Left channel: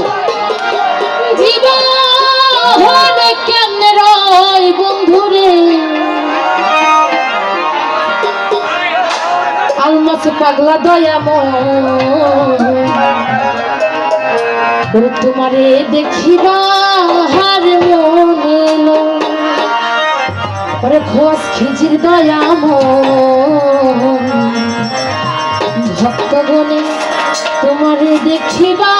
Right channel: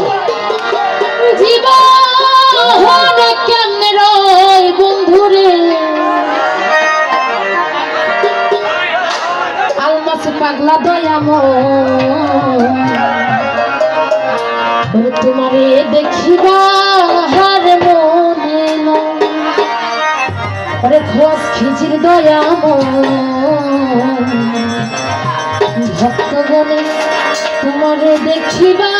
পারব পাগলা দয়াম তোমারে দেখিবা হার মনে আরে খোঁজ খিচির দয়াম ভক্তগণে তোমারে দেখিবা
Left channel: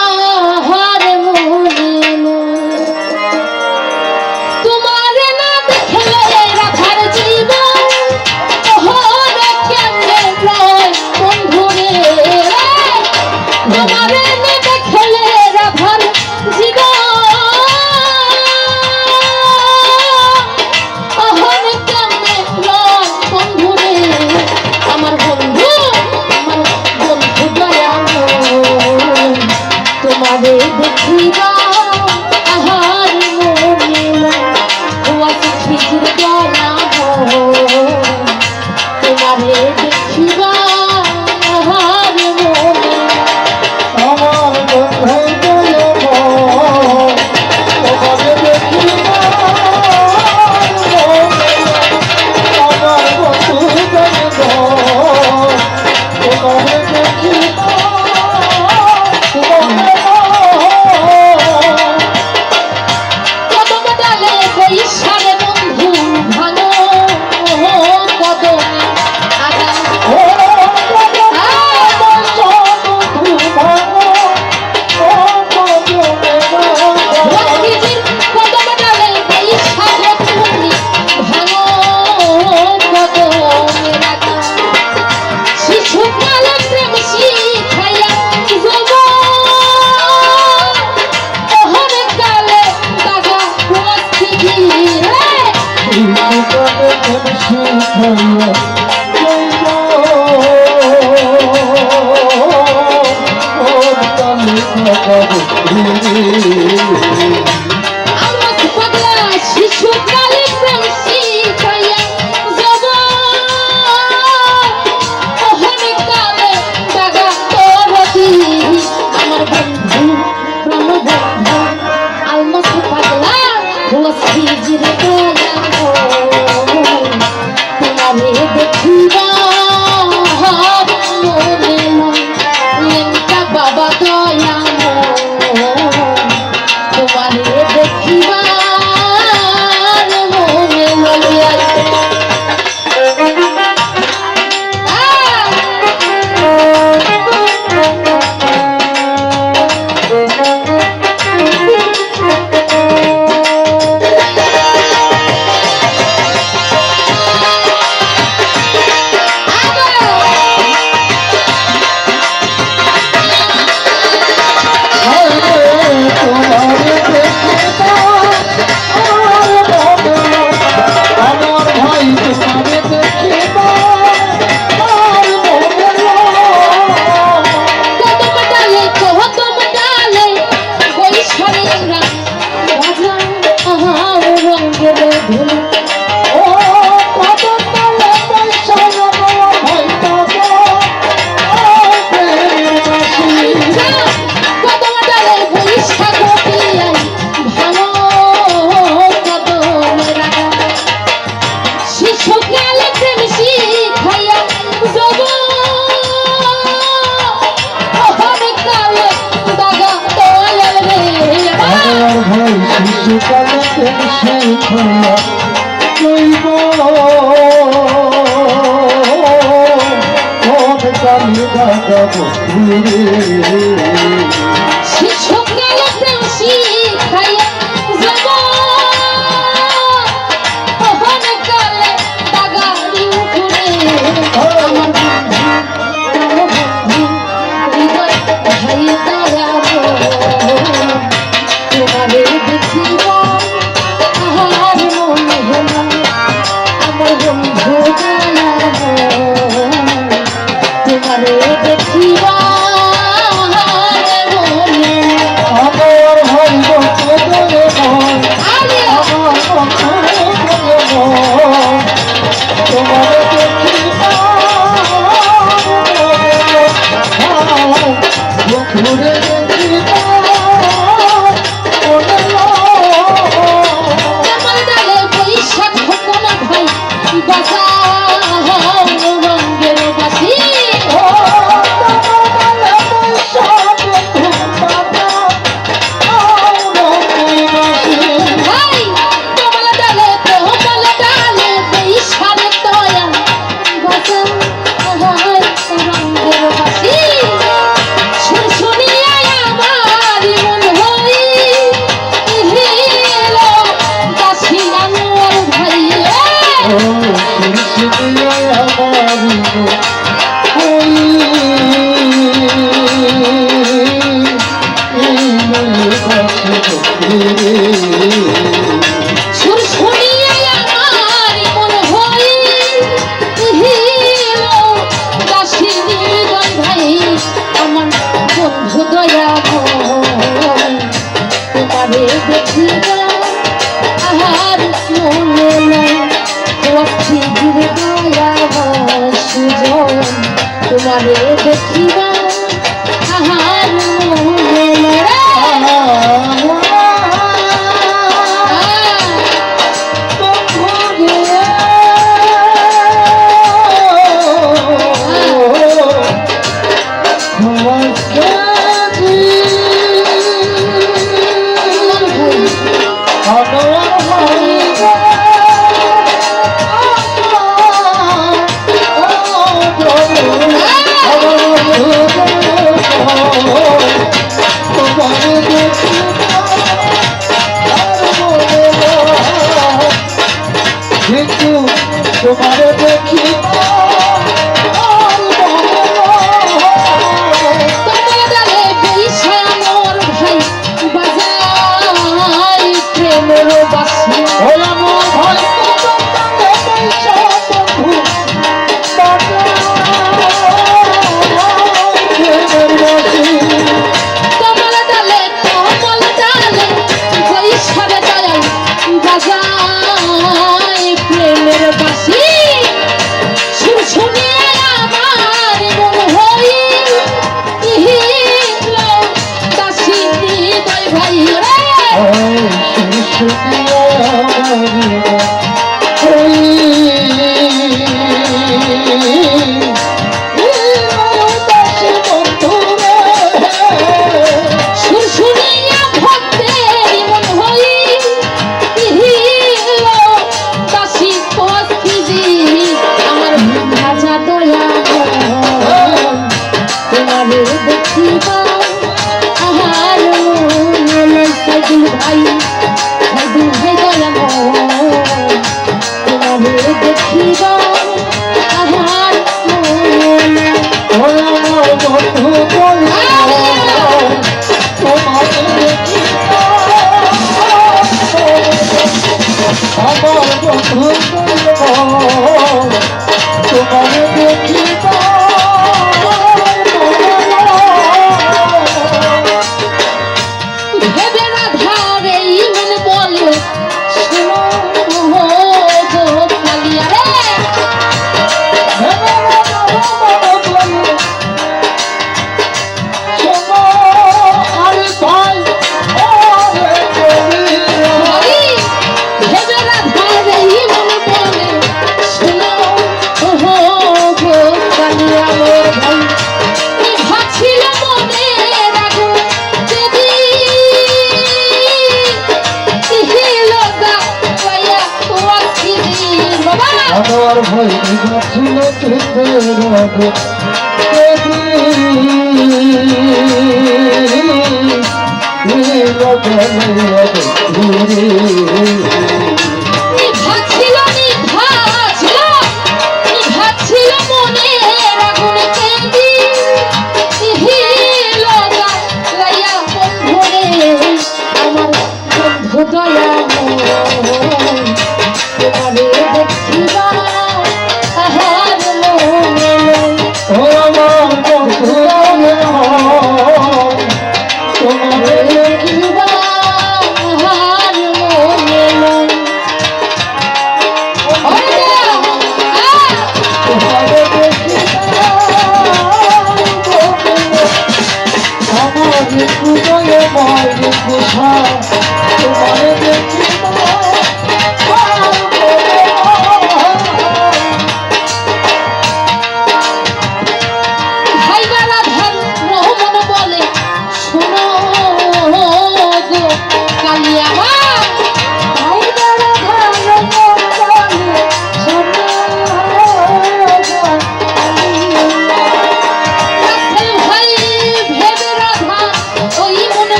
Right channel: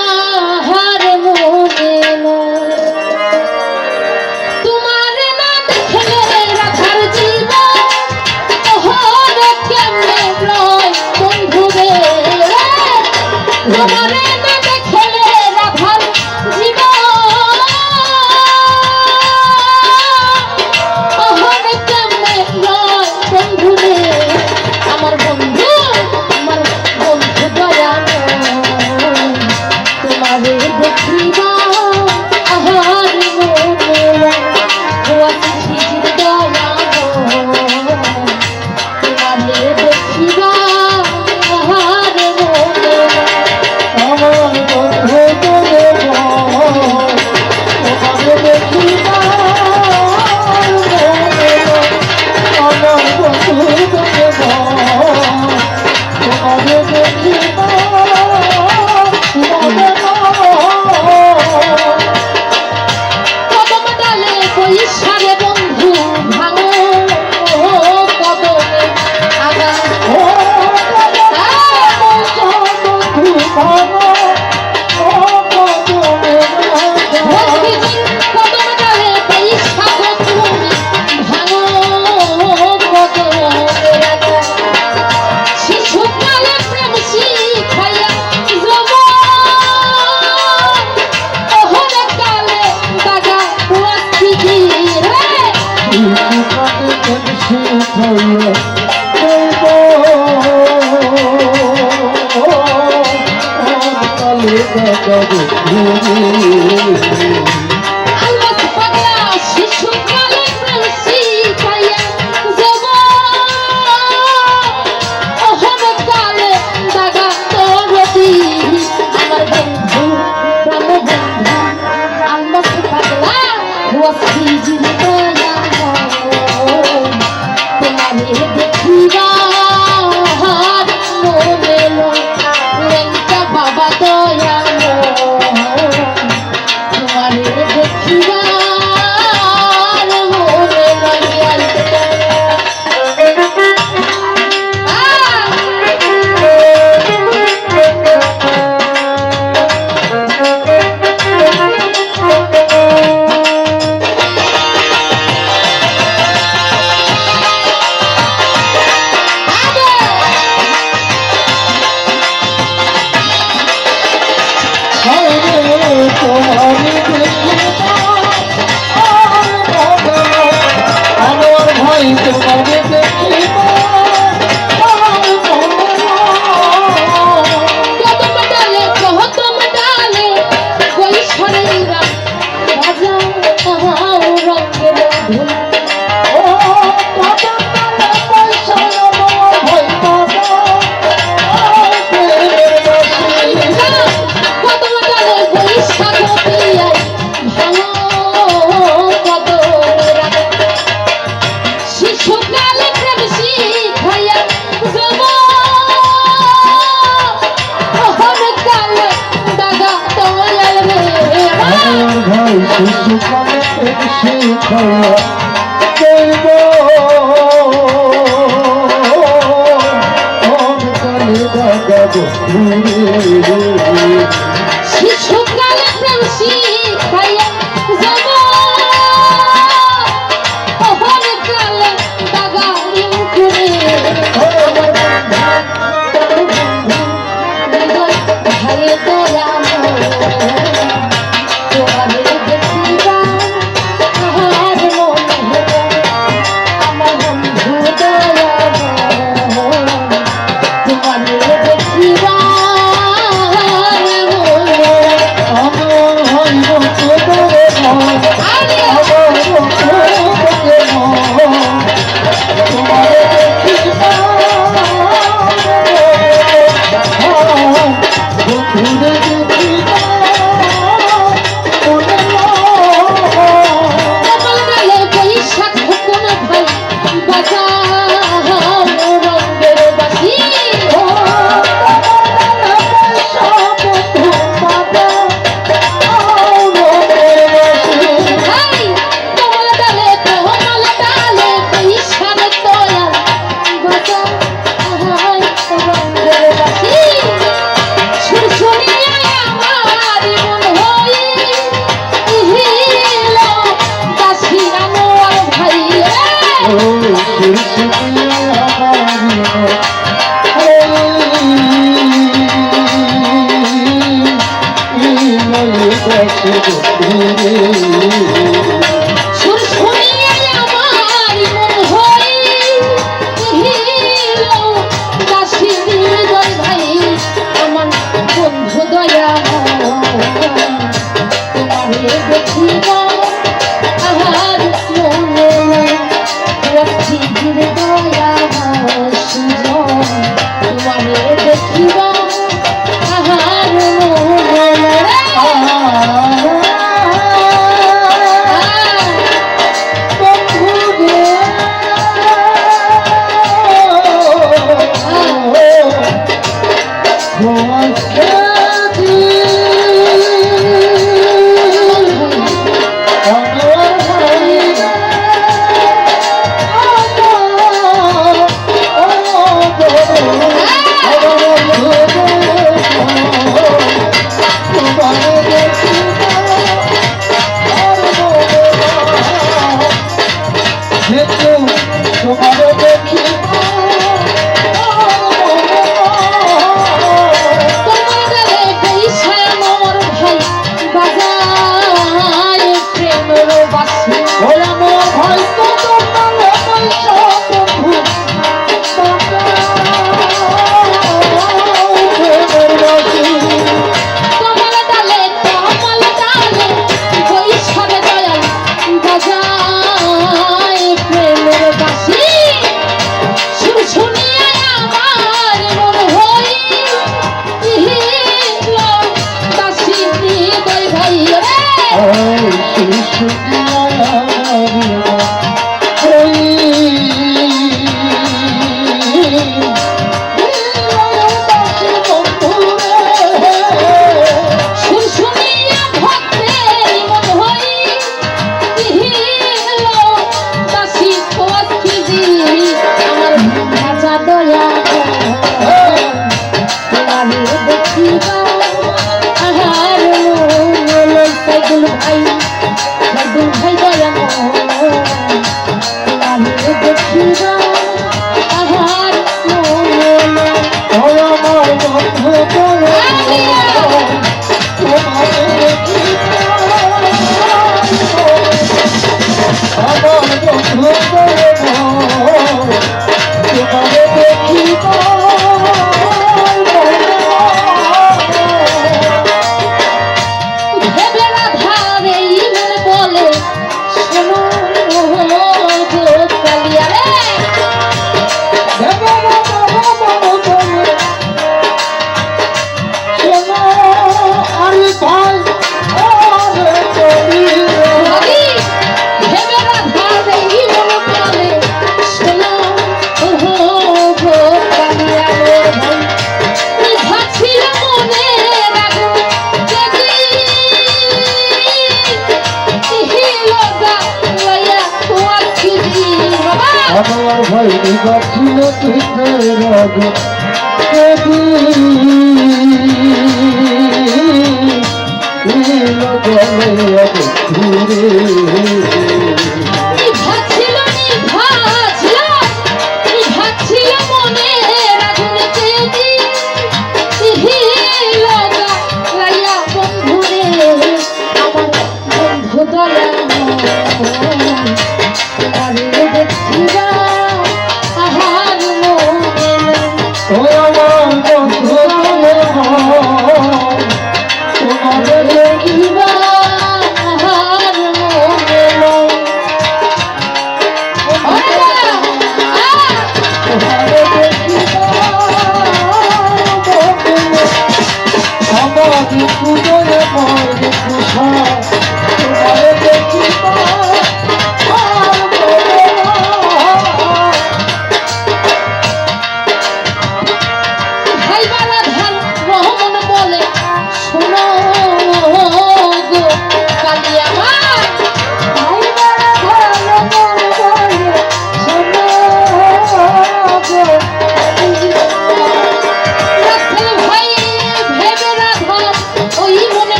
Thank.